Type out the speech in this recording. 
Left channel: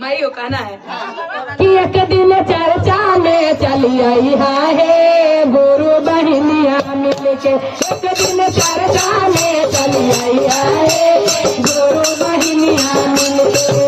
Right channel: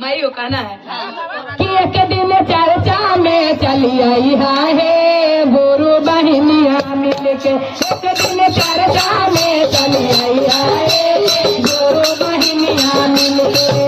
मई हो कहना है कि एक दिन चर्चा में चली आई है गुरु बहनिया मिलके। एक दिन चर्चा में चली आई है गुरु बहनिया मिलके।